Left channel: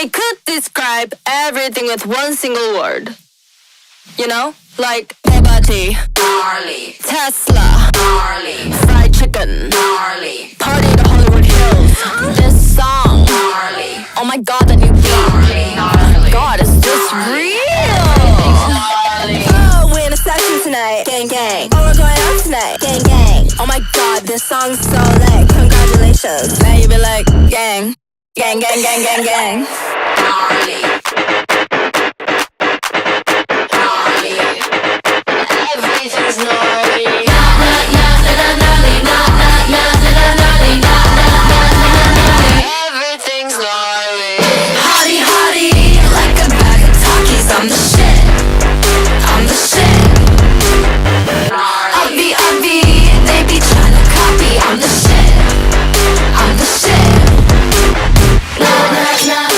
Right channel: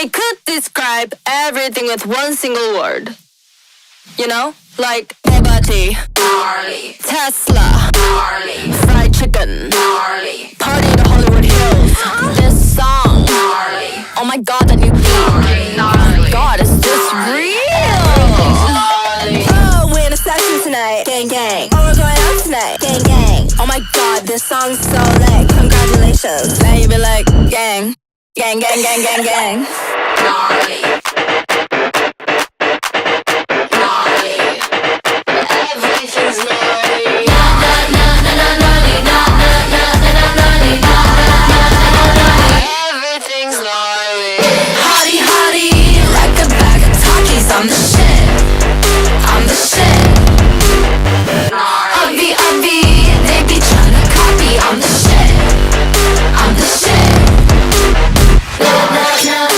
They could describe everything with one single word. You know? Like Bugatti, Tesla, fried chicken, party to Hollywood Hills. This song, oh my god, that new beat. Oh my god, is this real? Oh, we're in a session tonight, gang gang. Oh, we're going out tonight, gang gang. Oh my god, this song's so lit. Congratulations. Now you be like, gang, gang, gang, gang, gang, gang. I'm the shit. I'm the shit. Obvi, obvi.